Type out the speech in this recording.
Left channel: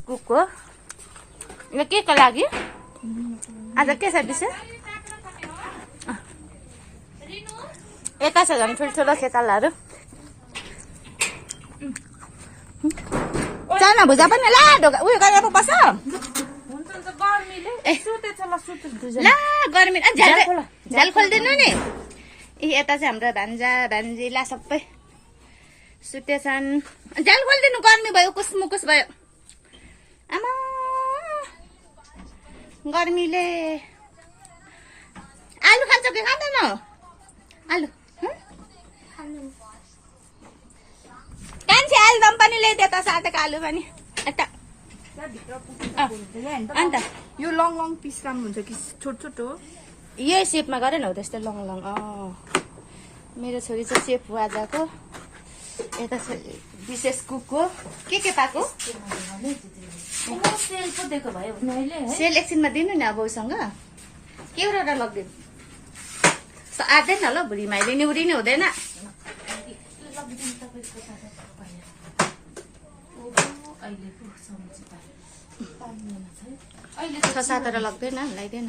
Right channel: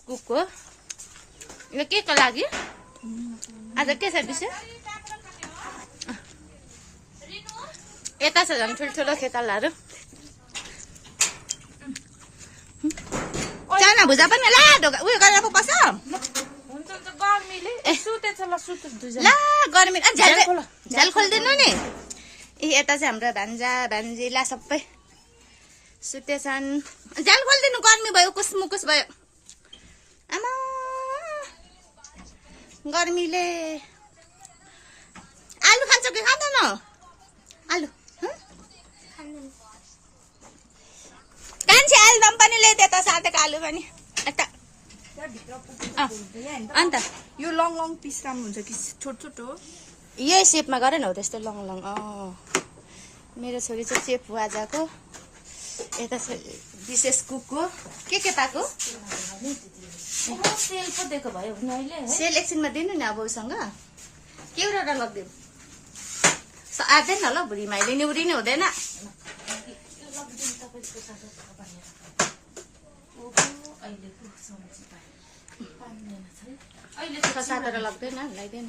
कुकको यो के को लागि आज के छ विषय यता छ झन् ठुल्ठुलो खेतालाहरू चाना भुजा पनि ला उयो गरेर पो बस ला गर्मी झ्याल खोलिदिनु नि यता चाहिँ हाम्रो भान्जा भान्जीला सबै सुतेछन् झ्याल खोलिदिनु गर्मी भयो कुसमुकुस भयो आमा गर्मीले आलु खान्छ कि खाँदैन आलु कान्छे आलुदम पनि ल्याइदियो त साटेको आलु पनि अन्त यो लङ लङ पिस काम हुन्छ कि छोट छोट हो यही सेपमा गर न हो त्यस्तै लङ लङ मेरो छोरी चाहिँ सेप हो आजको यता विशेष कुकको के पाएको सेल एकछिनमा दिनु नि अब उसँग के एउटा लगिदिनु आँट्दैन ल बुढी माइले निउरिने हुँदैन छ सातवटा लग्दैन लगाइदिएन